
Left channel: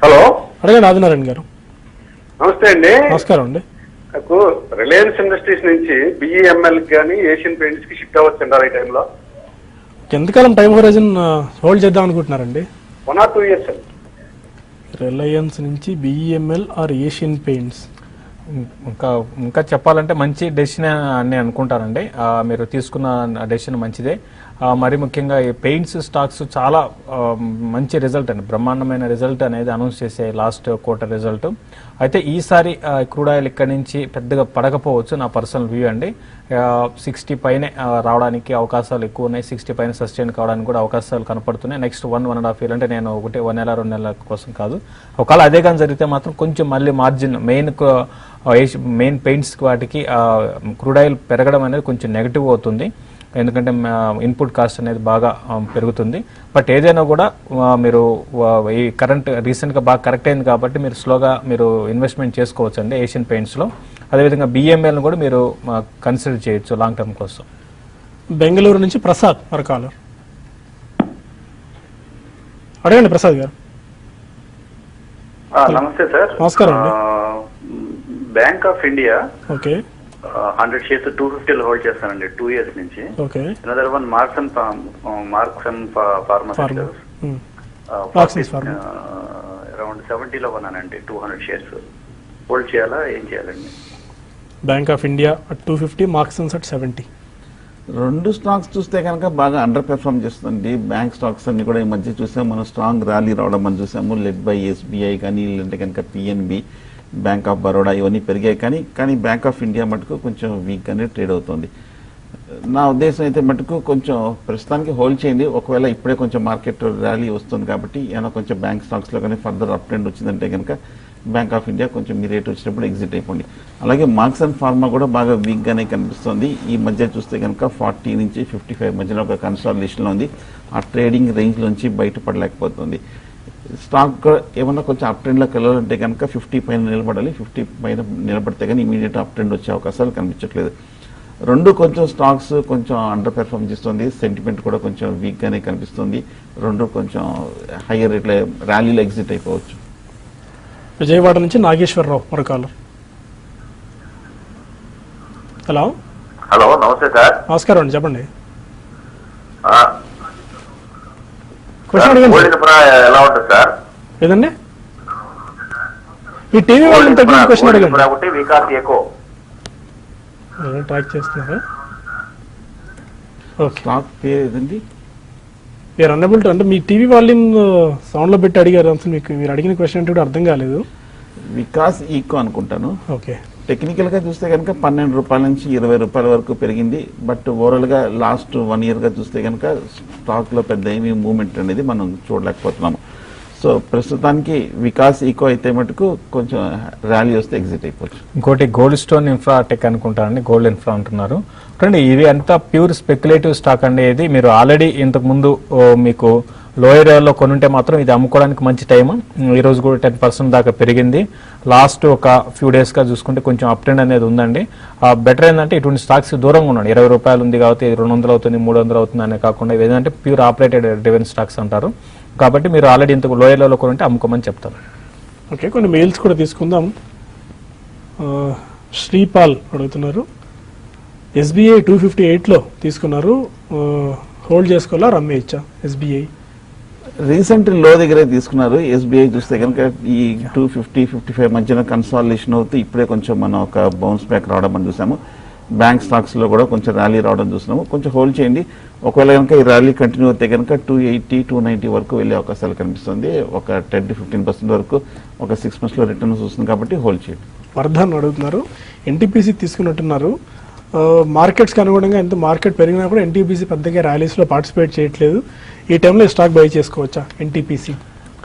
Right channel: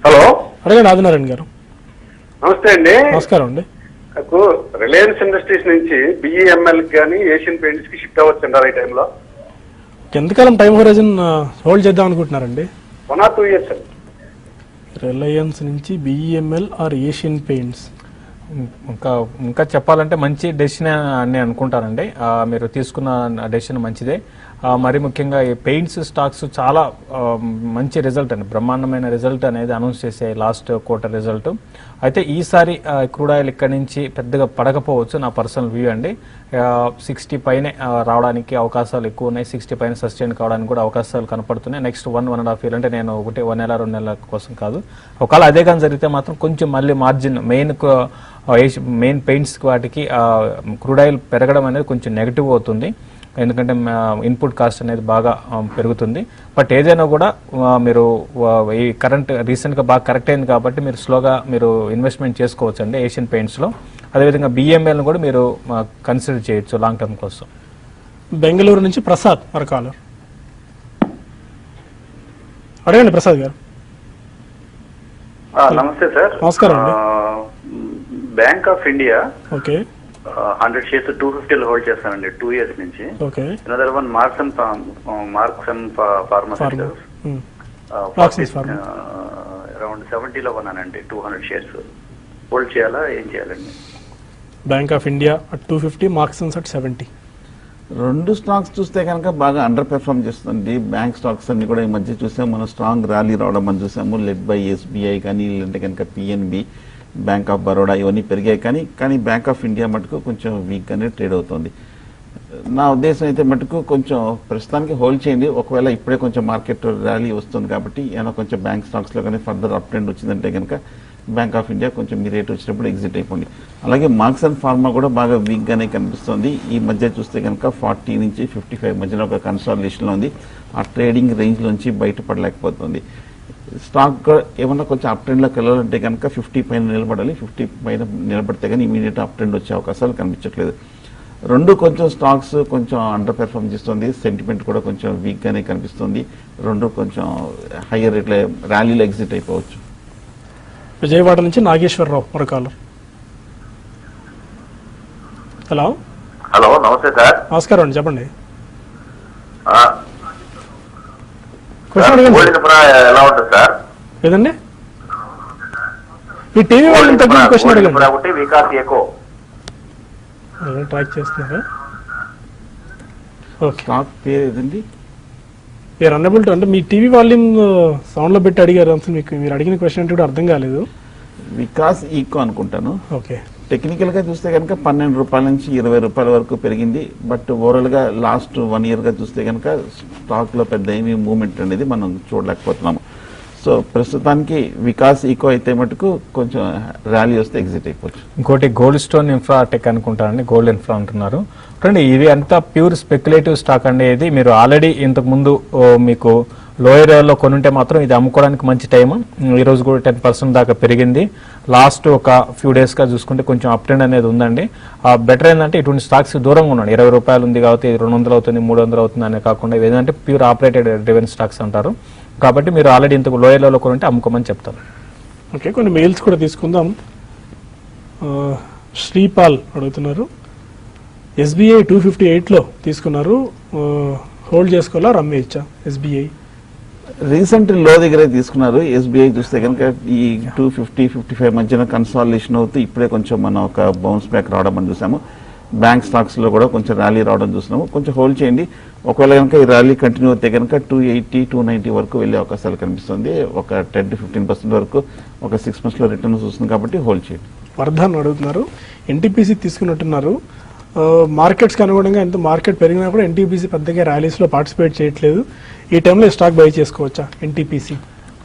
హలో, అడగండి ఆదినారాయణ గారు. నమస్తే అండి. నమస్కారం అండి. నాకు రిలయన్స్ ఇండస్ట్రీస్ నుంచి బిఈఎంఎల్ కానీ ఏషియన్ పెయింట్స్ కి షిఫ్ట్ అవ్వచ్చు అండి ఈ టైంలో. ఎంతకాలం టైం హోరైజన్ హోల్డ్ చేద్దాం అనుకుంటున్నారండి? 1 or 2 years అండి. రిలయన్స్ నుంచి బిఈఎంఎల్ ఆర్ ఏషియన్ పెయింట్స్. ఇంకా చెప్పాలంటే మంచి డెసిషన్ అని అనుకుంటానండి. మీరు తీసుకున్న డెసిషన్ మంచిదే. మరి ముఖ్యంగా ఈ పెయింట్స్ స్టాక్స్ చాలా మంచి రిజల్ట్ అండి, బ్రహ్మాండమైన రిజల్ట్ అనేది అనౌన్స్ చేసే లాస్ట్ క్వార్టర్ రిజల్ట్. అయితే ఈసారి క్రూడాయిల్ ఇక్కడి నుంచి పెద్దగా పడకపోవచ్చు, నా పర్సనల్ వ్యూ అండి. 60 పైనే రావడానికి అవకాశాలు ఎక్కువ ఉన్నాయి. 60 పైన సస్టైన్ కావడానికి కూడా అవకాశాలు కనపడుతున్నాయి. నెక్స్ట్ 1.5 year అంటే నేను 1 నెల 2 నెలల కోసం కాదు. ఒకవేళ అదే కానీ జరిగితే మాత్రం కొంచెం మళ్ళీ మార్జిన్ మెయిన్ పెయింట్స్ వాటికి క్రూడాయిల్ పెరగడం అనేది కొంచెం నెగిటివ్ అవుతుంది, ఎందుకంటే ఇన్పుట్ కాస్ట్ అనేది బాగా పెరుగుతుంది. బట్ ఏదైనా కూడా మీరు ఈ కరెంట్ రీసెంట్ గా బాగా కరెక్ట్ అయింది కాబట్టి మీరు స్లోగా మీరు ఇన్వెస్ట్మెంట్ చేసుకోవచ్చు అండి ఏషియన్ పెయింట్స్ లో. అదేవిధంగా బిఎంఎల్ కూడా మీరు కన్సిడర్ చేయొచ్చు లాంగ్ టర్మ్ కోసం. బెంగళూరు నుంచి ప్రసాద్ మరో కాలర్. అడగండి ప్రసాద్ గారు. నమస్తే సార్. నమస్కారం అండి. Bank of India okay 100 shares 250 hold చేస్తానండి 2 years నుంచి. Okay. Another one marks and pharmaceuticals around 70 లో కొన్నానండి 200 shares. హోల్డ్ చేయాలా, ఏం చేయాలండి? Bank of India 250, Marksans at 70. 2 stocks చూస్తే కనుక బాగా అండర్ పెర్ఫార్మ్ చేస్తుంది. బ్యాంక్ స్టాక్స్ అన్ని కూడా ఈ మధ్య చూసాము, మనం స్ట్రాంగ్ ర్యాలీ రావడం అని చూసాము. లెడ్ బై ఎస్బీఐ కానీ, లేదంటే కనుక పిఎన్బి, బ్యాంక్ ఆఫ్ బరోడా ఇవన్నీ పెరిగాయి. కానీ బ్యాంక్ ఆఫ్ ఇండియా మటుకు కొంచెం వీక్ గానే ట్రేడ్ అవుతుంది. నా ఉద్దేశం అయితే మటుకు కొంచెం ప్రస్తుతానికి హోల్డ్ చేయండి. ఒకవేళ ఇప్పుడే కొంచెం మార్కెట్ ర్యాలీ వస్తుంది కాబట్టి ఏమైనా కొంచెం బ్యాంక్ స్టాక్స్ లో కానీ ఫర్దర్ అప్ ట్రెండ్ వచ్చిందంటే కనుక బ్యాంక్ ఆఫ్ ఇండియా కొంచెం మీ రేట్ వచ్చినప్పుడు ఎగ్జిట్ అయిపోయింది. అలాగే మార్క్స్ అండ్ ఫార్మా కూడా బాగా వీక్ గానే కనిపిస్తుంది. ఈ మధ్య చూస్తే కనుక 40 నుంచి 55 మధ్యలో ఒక కన్సాలిడేషన్ లో ఉంది. ఆ ట్రేడింగ్ రేంజ్ నుంచి బయటపడలేకపోతుంది. స్టాక్ ఏమన్నా కొంచెం అప్ ట్రెండ్ లోకి వెళ్ళాలంటే కనుక 50 పైన నిలబడాలి. 50 పైన నిలబడితే కానీ ఇమీడియట్ అప్ ట్రెండ్ వచ్చే అవకాశాలు కనిపించట్లేదు. 2 కొంచెం స్టాక్స్ కొంచెం అండర్ పెర్ఫార్మ్ చేస్తుంది. సెంటిమెంట్ కూడా కొంచెం వీక్ గానే కనిపిస్తుంది. 2 కొంచెం హైయర్ రేట్ల ర్యాలీలో ఎగ్జిట్ అయిపోవచ్చు. విజయవాడ నుంచి నాగేశ్వరరావు మరో కాలర్. హలో హలో, నమస్తే సార్. నమస్కారం అండి, చెప్పండి. ఎలా ఉంటుంది సార్? ఏదండి ఈ టీవీ వాళ్ళు తగ్గిన క్వశ్చన్ ఒకటి వికాస్ ఎకో ట్రాక్ చేస్తున్నారా? ఓకే. స్టాక్ పేరు ఏదండి? మీరు అన్నబుల్ అంటే మీ టీవీ వాల్యూమ్ సౌండ్ లో పెట్టి అడిగారు. అసలు మీకు మీరు అడిగిన క్వశ్చన్ అంటే అర్థం కాలేదు. వికాస్ ఈకో అనుకుంటాను. ఓకే. టెక్నికల్ గా చూస్తే కనుక 12 రూపాయల నుంచి 20 రూపాయల వరకు పెరిగింది. బట్ ఓవరాల్ గా లాస్ట్ 1 year గా చూస్తే కనుక స్టాక్ లో పెద్ద ఏమీ మూవ్మెంట్ అనేది మనం చూడలేకపోతున్నాము. సో ప్రస్తుతానికి వికాస్ ఈకో అయితే మటుకు కొంచెం ర్యాలీ వస్తే ఎగ్జిట్ అయిపోవచ్చు. ఇంకోటి గోల్డ్ స్టోన్ ఇన్ఫ్రాటెక్ అనుకుంటారండి, గోల్డ్ ఇన్ఫ్రా అంటున్నారు. చూడండి, ఇది అంతా ప్యూర్ స్పెక్యులేటివ్ స్టాక్ అండి. ఇది మీరు ఆల్రెడీ ఇంతకు ముందు మీకు లోయర్ ఏరియాలో కొనుంటే మాత్రం ఇది అమ్ముకోవడానికి మంచి టైం. ఈ రోజు కూడా 10% దాకా పెరిగింది. లాస్ట్ ఒక ఫ్యూ డేస్ గా చూసుకుంటే కొంచెం అప్ ట్రెండ్ అనేది ఉందండి. బెటర్ ఏంటంటే ఇటువంటి స్టాక్స్ దూరంగా ఉన్నాడు. 20 రూపాయలు ఉంది కాబట్టి 200 అవుతుంది 300 అవుతుంది అనే కాకుండా ఇది ఏంటంటే ప్యూర్ ఆపరేటెడ్ డ్రివెన్ స్టాక్స్ అంటారు. కాబట్టి మీరు ఆల్రెడీ ఇంతకు లోయర్ ఏరియాలో కొనుంటే అమ్ముకోమని చెప్తారు. ఓకే, కొన్ని మెయిల్స్ కూడా తీసుకుందాం. శ్రీపాల్ అడుగుతున్నారు, ఎస్బీఐ 258 లో తీసుకున్నారు, హోల్డ్ చేసుకోవాలా అమ్మేయచ్చా? ఎస్బీఐ రీసెంట్ లో దగ్గరే తీసుకున్నారు. ఎస్బీఐ చూస్తే కనుక ఈ 250-55 మధ్యన కన్సాలిడేషన్ అవుతూ ఇప్పుడే కొంచెం మనం ఒక బౌన్స్ బ్యాక్ రావడం అని చూసాము. బ్యాంక్ స్టాక్స్ లో కూడా కొంచెం ర్యాలీ రావడం చూస్తున్నాము. కొంచెం హోల్డ్ చేయండి. ఒకవేళ కనుక ఈ ర్యాలీ కంటిన్యూ అవుతే కనుక 280-290 వరకు వెళ్ళే అవకాశాలు కనిపిస్తుంది. ఒక 10-15% వరకు ఒక 6 months లో రిటర్న్స్ వస్తుంది కాబట్టి హోల్డ్ చేయండి. వర్ధన్ అడుగుతున్నారు, ఎన్టీపీసీ తీసుకున్నట్టున్నారు. మార్కెట్స్ అనుగుణంగా ఎంత మార్కెట్ పెరిగినా కూడా ఎన్టీపీసీ పెద్దగా ర్యాలీస్ లో పార్టిసిపేట్ చేయట్లేదు. ఈ టైంలో స్టాక్ బై చేసుకోవచ్చా ఎన్టీపీసీ?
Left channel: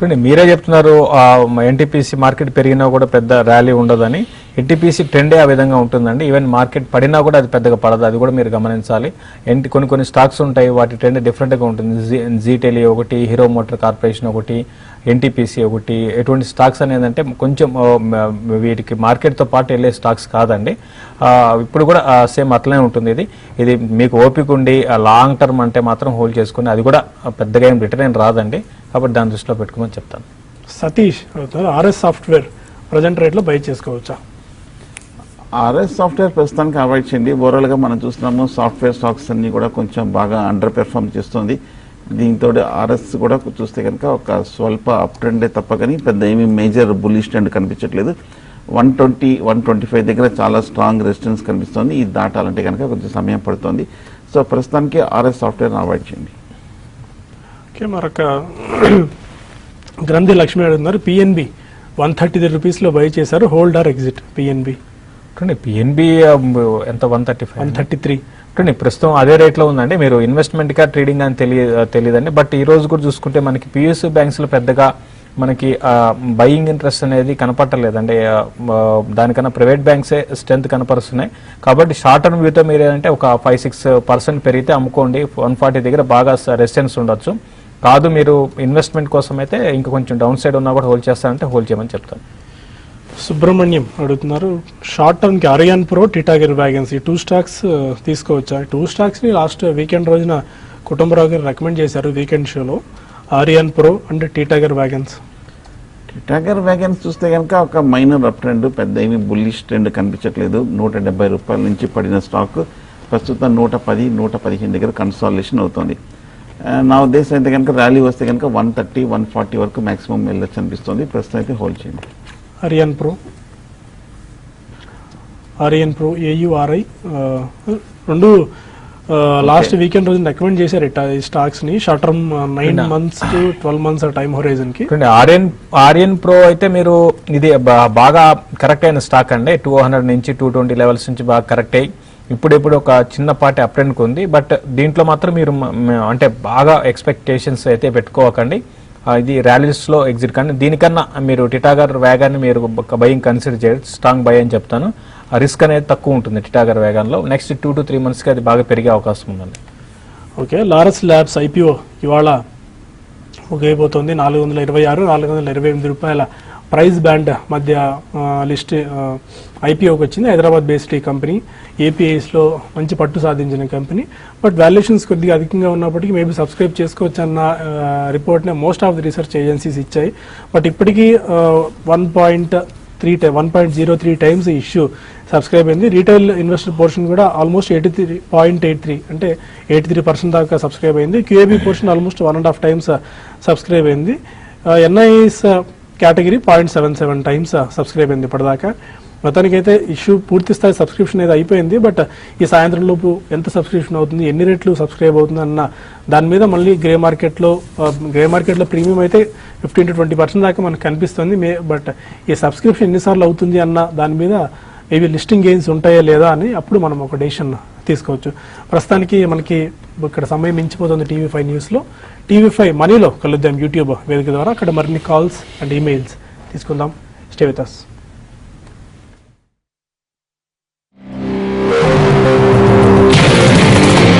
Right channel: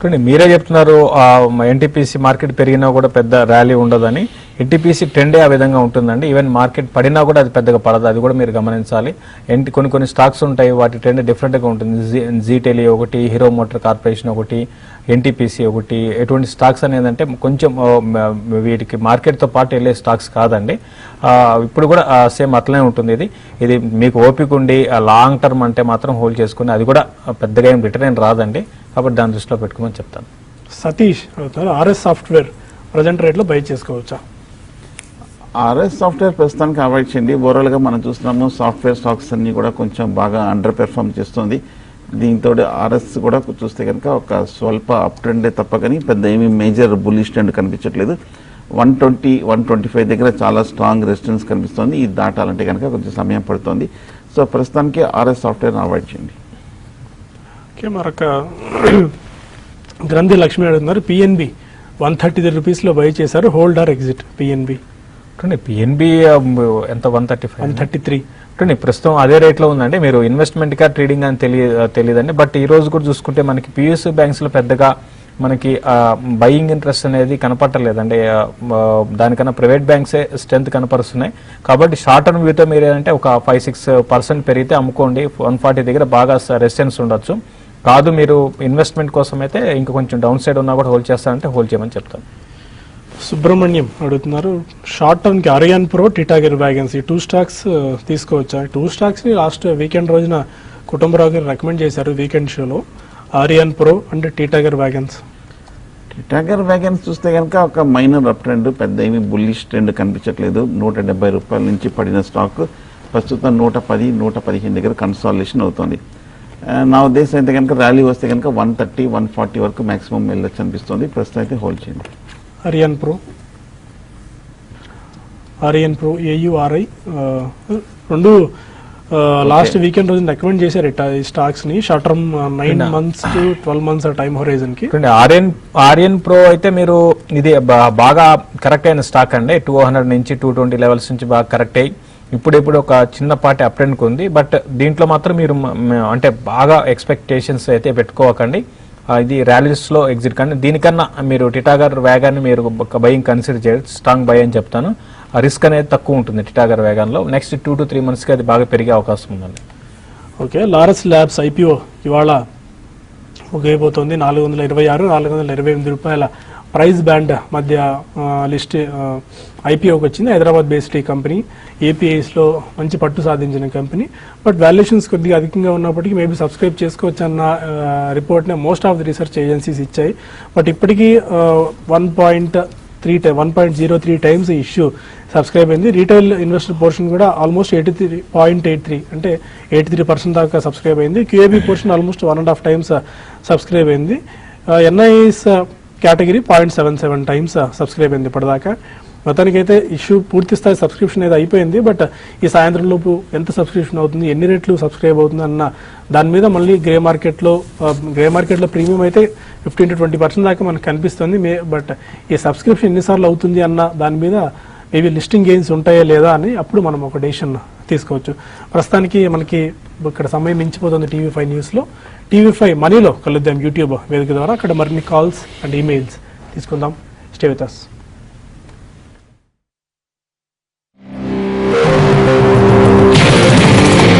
కానీ మీరే చెప్తున్నారు ఎన్టీపీసీ మార్కెట్ పెరిగినా కూడా పెద్ద ర్యాలీ ఉండదని. ఎన్టీపీసీ ట్రెండే ఆ విధంగా ఉంటుందండి. ఈవెన్ మార్కెట్ పడినా కూడా అది పెద్దగా పడదు, అది కూడా మీరు గమనించాలి. కొన్ని స్టాక్స్ ఉంటాయి, వాటి ట్రెండ్ డిఫరెంట్ గా ఉంటుంది. జీ టెలి ఒకటి, హీరో మోటార్ కార్పొరేషన్ ఒకటి, ఎన్టీపీసీ ఒకటి. ఎటువంటి స్టాక్స్ అనేది అంటే కొంచెం వీటికి మార్కెట్ తో పాటు వెళ్ళే స్టాక్స్ కాదండి. ఇప్పుడు కూడా సేమ్ అట్లనే ఉంటుంది. ఇది మీకు ఓపిక ఉండి లాంగ్ టర్మ్ అంటే మాత్రం హోల్డ్ చేసుకుని, అది కూడా పెద్దగా ఏం రిటర్న్ రాదండి. కాబట్టి దాని దృష్టిలో పెట్టుకోమని చెప్తాను. Satish RS software present rate లో బై చేసుకోవచ్చా? ఆర్ఎస్ సాఫ్ట్వేర్ ప్రస్తుతానికి అవాయిడ్ చేయండి. ఓవరాల్ గా మనం చూస్తున్నాము సాఫ్ట్వేర్ స్టాక్స్ అన్ని కూడా కొంచెం బాగా అండర్ పెర్ఫార్మ్ చేస్తుంది. దీంతో ఆర్ఎస్ కూడా చూస్తే కనుక ఒక స్వల్ప అప్ ట్రెండే తప్ప కానీ పెద్ద ఏమీ మేజర్ బులిష్ ట్రెండ్ కనిపించట్లేదు. 120, 125 దగ్గర చాలా స్ట్రాంగ్ రెసిస్టెన్స్ కనిపిస్తుంది. ఇది దాటాలంటే కనుక కొంచెం సమయం పడుతుంది. సో ప్రస్తుతానికి ఆర్ఎస్ సాఫ్ట్వేర్ అవాయిడ్ చేయండి. మరొక గ్రంథి లక్ష్మి అడుగుతున్నారు, పిఎన్బి 130 రూపీస్ లో బై చేశారు, hold or exit? PNB PNB ఎంత 133 133 ప్రస్తుతం అదే రేట్ లో ఉందండి. మీరు ఇన్వెస్ట్మెంట్ గా ట్రేడింగ్ అని తెలియదండి. బట్ ఈ రోజు కూడా చూసుకుంటే మనకి పిఎస్యూ బ్యాంక్స్ లో పెద్దగా మనకి బయింగ్ ఇంట్రెస్ట్ అనేది కనపడలేదండి. దానికన్నా ప్రైవేట్ బ్యాంక్స్ స్ట్రెంత్ కనపరుస్తున్నాయి. కాబట్టి షార్ట్ టర్మ్ వ్యూతో మీరు ఏంటంటే ఒక 5-6% పెరిగితే అమ్ముకోండి. 140 దగ్గర బాగా రెసిస్టెన్స్ ఉండొచ్చు. కాదు మీరు ఇన్వెస్ట్మెంట్ కోసం అయితే ఇంకా కొంచెం డౌన్ సైడ్ ఉన్నా కూడా హోల్డ్ చేస్తారంటే హోల్డ్ చేయమని చెప్తాను. సుబ్రహ్మణ్యం అడుగుతున్నారు, షార్ట్ టర్మ్ కి ఆరియాన్ ప్రో, టిటాగర్ వ్యాగన్స్ ఈ 2 స్టాక్స్ తీసుకోవచ్చా? 2 స్టాక్స్ ని లాస్ట్ వీకెండ్ రోజున కుటుంబరావు గారు రికమెండ్ చేశారు వీకెండ్ షోలో, Aurionpro and Titagarh wagons. Titagarh wagons చూస్తే కనుక ఒక మైనర్ అప్ ట్రెండ్, పెద్ద ఏమి బుల్లిష్ ట్రెండ్ కనిపించట్లేదు. 170 రూపాయల నుంచి పడిన స్టాక్ ప్రస్తుతం 110, 115 దగ్గర కన్సాలిడేషన్ అవుతుంది. నా ఉద్దేశం అయితే కనుక ర్యాలీ వస్తే కనుక 130, 140 వరకు మాక్సిమం వెళ్ళొచ్చు అనిపిస్తుంది. ప్రస్తుతం అయితే హోల్డ్ చేయండి. ఆరియాన్ ప్రో ఏయుఆర్ఐ రెండు లాస్ట్ వీకెండ్ రోజు రికమెండ్ చేశారు ఈ స్టాక్స్ ని. Short term 9 months to 12 months time horizon కి. ఆర్యన్ ప్రో అయితే మీరు ఇది బాగా కరెక్ట్ అయిన స్టాక్ అండి. 200 నుంచి 220 లెవెల్స్ నుంచి బాగా కరెక్ట్ అయ్యి ఇప్పుడు ఒక చిన్నపాటి అప్ ట్రెండ్ ఉంది. బట్ దీంట్లో మాత్రం మీరు అంటే బాగా ఎక్స్పెక్టేషన్స్ అయితే పెట్టుకోకండి. ఇది ర్యాలీస్ లో ఎగ్జిట్. కానీ దీనికన్నా మీరు టిటాగర్ వ్యాగన్ మీరు ఒక బయింగ్ కన్సిడర్ చేయండి. స్ట్రాంగ్ బై అని చెప్తాను. రిస్క్ అనేది తక్కువ ఉంటుంది టిటాగర్ వ్యాగన్ లో. నెక్స్ట్ 2 to 3 months కి అది బాగా పెరిగే అవకాశం ఉందండి. ఓకే, లారస్ ల్యాబ్స్ ఐపీఓ ఇవాళ ముగియబోతోంది. 426, 428 రూపాయల ప్రైస్ బ్యాండ్ మధ్య లిస్ట్ ఐపీఓకి వచ్చింది. హైదరాబాద్ బేస్డ్ ఈ కంపెనీ ఏపీఐస్ లో మంచి పట్టు సాధించిన కంపెనీ. బట్ వాల్యుయేషన్స్ కొద్దిగా అధికంగా ఉన్నప్పటికీ మేబీ సబ్స్క్రైబ్ చేసుకోవచ్చు అన్న రిపోర్ట్ ని most of the research agencies ఇచ్చాయి. బట్ ఇప్పటికీ 1.03 టైమ్స్ ఇష్యూ సబ్స్క్రైబ్ అయింది. రీటైల్ ఇన్వెస్టర్ పోర్షన్ కూడా ఆల్మోస్ట్ 83.83 అంటే 83% దాకా సబ్స్క్రైబ్ అయింది. క్యూఏబీ పోర్షన్ ఆల్మోస్ట్ 1.5 times సబ్స్క్రైబ్ అయింది. ఎన్ఐఎస్ కేటగిరీ 0.77 times సబ్స్క్రైబ్ అయింది ఇప్పటిదాకా. మొత్తానికైతే ఇష్యూ పూర్తి స్థాయి సబ్స్క్రిప్షన్ అయితే అయిపోయింది. బట్ ఈ సాయంత్రం లోపు ఎంత సబ్స్క్రిప్షన్ అవుతుంది, ఎన్ని రెట్లు సబ్స్క్రైబ్ అవుతుంది అన్న దాని మీద మళ్ళీ గ్రే మార్కెట్ లో ప్రీమియం అయితే 15 to 20% దాకా మనకు కనిపిస్తుంది. బట్ ఈ సబ్స్క్రిప్షన్ ఎన్నిసార్లు అవుతుంది అన్న దాని మీద ఏవి లిస్టింగ్ గెయిన్స్ ఉంటాయా లేదా అని అప్పుడు మనం ఒక డెసిషన్ తీసుకోవచ్చు. ప్రస్తుతానికి మనకి ఇక్కడ సమయం మించిపోతుంది TV5 న్యూస్ లో. TV5 మనీలో కలుద్దాం యూట్యూబ్ వేదిక ద్వారా. అక్కడ మరిన్ని కాల్స్ అండ్ ఈమెయిల్స్ తీసుకుందాం. Stay with us.